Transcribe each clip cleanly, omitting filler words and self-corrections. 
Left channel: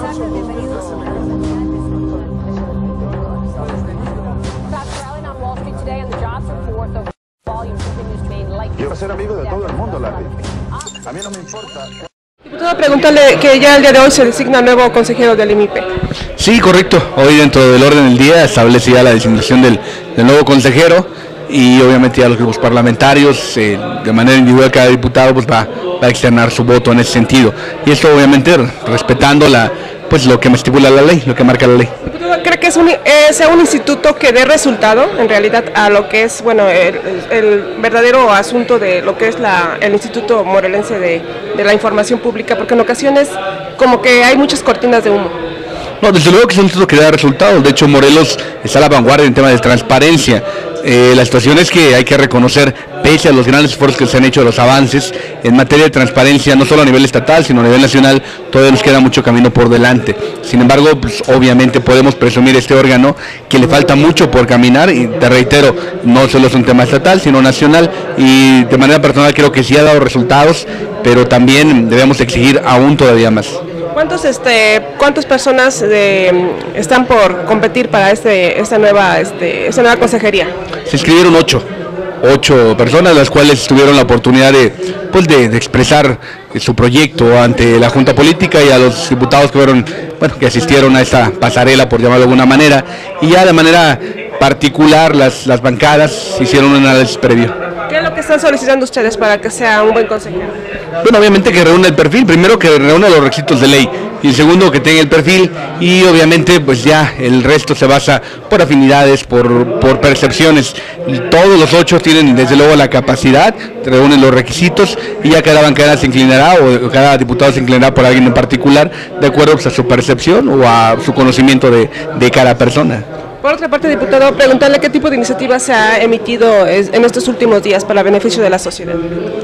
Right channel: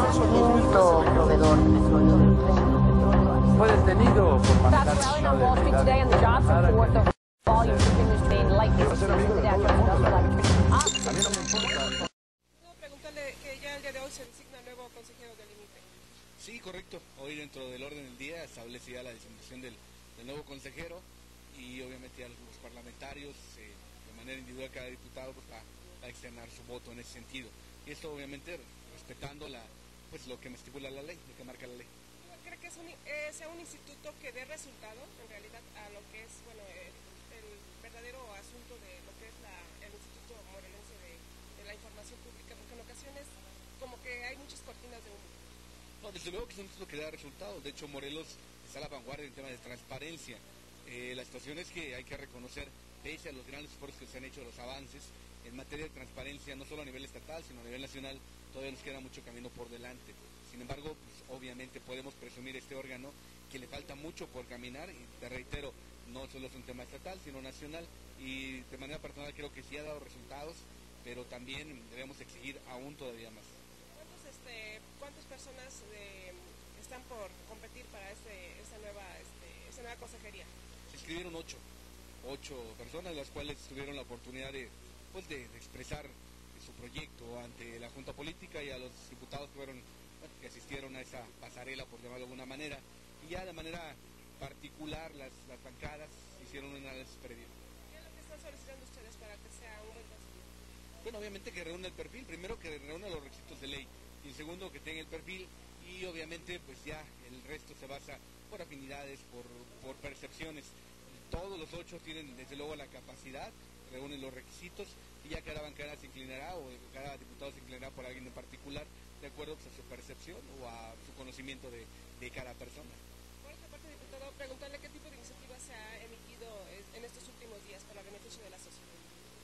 marzo del 2013 el ejército. Sobre el precio del petróleo a nivel mundial. Stocks rallying on Wall Street today, and the jobs report, the volume continues to remain light this season. The Dow Jones Industrial Average finishing up 69. Diputado, preguntarle que ya el día de hoy se designa nuevo consejero del IMIPE. Sí, correcto. Hoy dentro del orden del día establece ya la designación del nuevo consejero y obviamente ya los grupos parlamentarios, de manera individual cada diputado pues va a externar su voto en ese sentido. Y esto obviamente respetando pues lo que me estipula la ley, lo que marca la ley. ¿Cree que sea un instituto que dé resultado en realidad a lo que es, bueno, el verdadero asunto de lo que es el Instituto Morelense de la Información Pública? Porque en ocasiones como que hay muchas cortinas de humo. No, desde luego que es un instituto que da resultados. De hecho, Morelos está a la vanguardia en tema de transparencia. La situación es que hay que reconocer, pese a los grandes esfuerzos que se han hecho, los avances en materia de transparencia, no solo a nivel estatal, sino a nivel nacional, todavía nos queda mucho camino por delante. Sin embargo, pues, obviamente podemos presumir este órgano que le falta mucho por caminar, y te reitero, no solo es un tema estatal, sino nacional, y de manera personal creo que sí ha dado resultados, pero también debemos exigir aún todavía más. ¿Cuántas personas están por competir para esta nueva consejería? Se inscribieron 8 personas, las cuales tuvieron la oportunidad de expresar su proyecto ante la Junta Política y a los diputados que asistieron a esta pasarela, por llamarlo de alguna manera, y ya de manera particular las bancadas hicieron un análisis previo. ¿Qué es lo que están solicitando ustedes para que sea un buen consejero? Bueno, obviamente que reúna el perfil, primero que reúna los requisitos de ley, y segundo que tenga el perfil, y obviamente pues ya el resto se basa por afinidades, por percepciones. Todos los 8 tienen desde luego la capacidad, reúnen los requisitos, y ya cada bancada se inclinará, o cada diputado se inclinará por alguien en particular, de acuerdo pues, a su percepción o a su conocimiento de cada persona. Por otra parte, diputado, preguntarle qué tipo de iniciativa se ha emitido en estos últimos días para beneficio de la sociedad.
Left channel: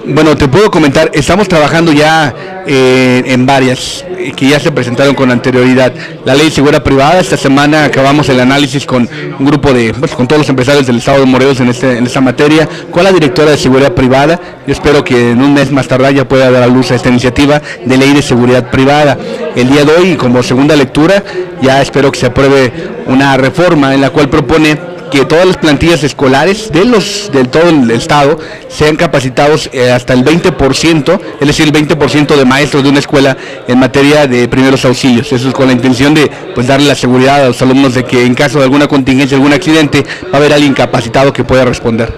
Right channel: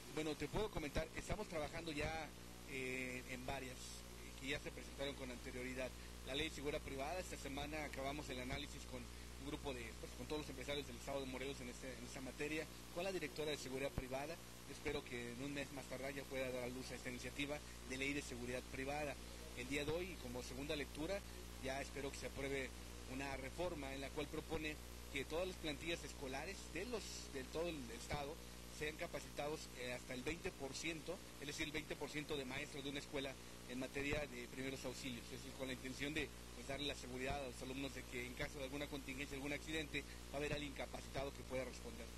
Bueno, te puedo comentar, estamos trabajando ya en varias que ya se presentaron con anterioridad. La ley de seguridad privada, esta semana acabamos el análisis con un grupo con todos los empresarios del estado de Morelos en esta materia, con la directora de seguridad privada. Yo espero que en un mes más tardar ya pueda dar a luz a esta iniciativa de ley de seguridad privada. El día de hoy, como segunda lectura, ya espero que se apruebe una reforma en la cual propone que todas las plantillas escolares del todo el estado sean capacitados hasta el 20%, es decir, el 20% de maestros de una escuela en materia de primeros auxilios. Eso es con la intención de darle la seguridad a los alumnos de que en caso de alguna contingencia, algún accidente, va a haber alguien capacitado que pueda responder.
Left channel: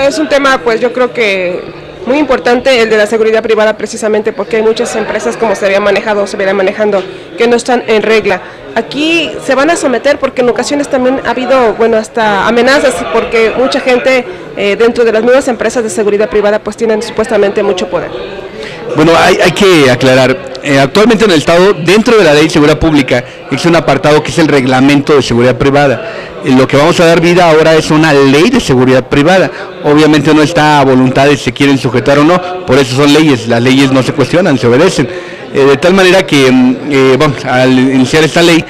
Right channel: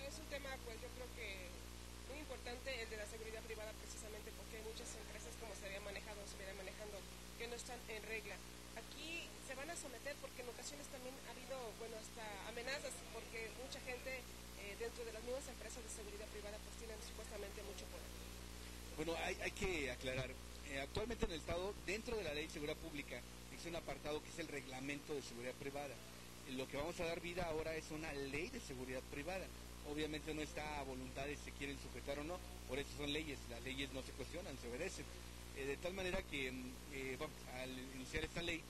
Es un tema, pues yo creo que muy importante el de la seguridad privada, precisamente porque hay muchas empresas, como se viene manejando, que no están en regla. Aquí se van a someter porque en ocasiones también ha habido, hasta amenazas, porque mucha gente dentro de las nuevas empresas de seguridad privada pues tienen supuestamente mucho poder. Bueno, hay que aclarar, actualmente en el Estado, dentro de la Ley de Seguridad Pública, existe un apartado que es el Reglamento de Seguridad Privada. Lo que vamos a dar vida ahora es una Ley de Seguridad Privada. Obviamente no está a voluntad de si se quieren sujetar o no, por eso son leyes, las leyes no se cuestionan, se obedecen. De tal manera que, al iniciar esta ley,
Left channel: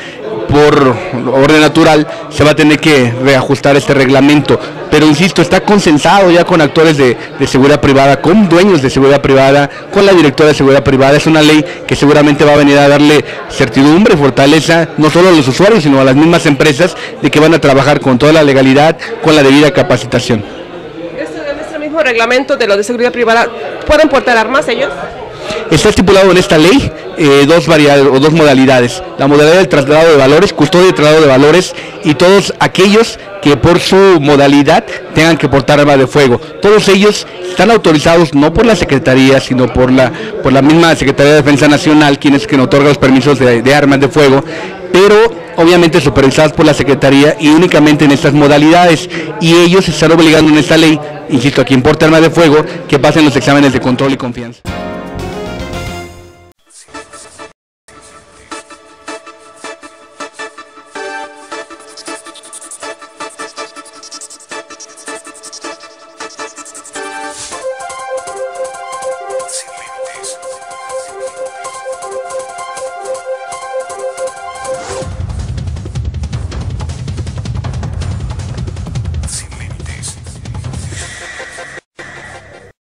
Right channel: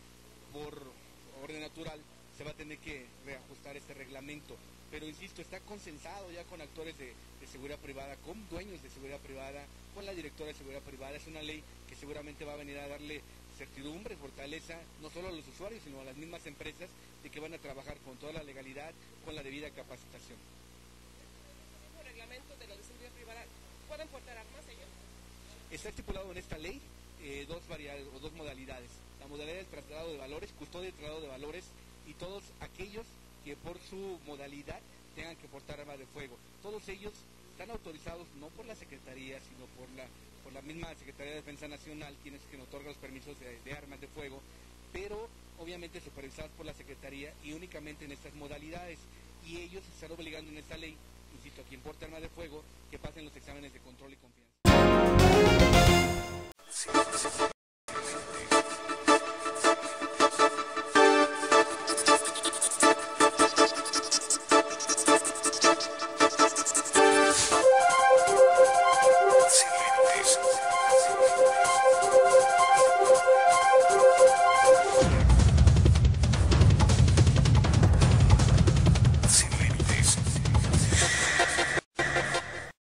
por orden natural, se va a tener que reajustar este reglamento, pero insisto, está consensado ya con actores de seguridad privada, con dueños de seguridad privada, con la directora de seguridad privada. Es una ley que seguramente va a venir a darle certidumbre, fortaleza, no solo a los usuarios, sino a las mismas empresas, de que van a trabajar con toda la legalidad, con la debida capacitación. ¿En este mismo reglamento de lo de seguridad privada pueden portar armas ellos? Está estipulado en esta ley dos modalidades: la modalidad del traslado de valores, custodia y traslado de valores, y todos aquellos que por su modalidad tengan que portar arma de fuego. Todos ellos están autorizados no por la Secretaría, sino por la misma Secretaría de Defensa Nacional, quien otorga los permisos de armas de fuego, pero obviamente supervisados por la Secretaría y únicamente en estas modalidades, y ellos están obligando en esta ley, insisto, a quien porte arma de fuego, que pasen los exámenes de control y confianza.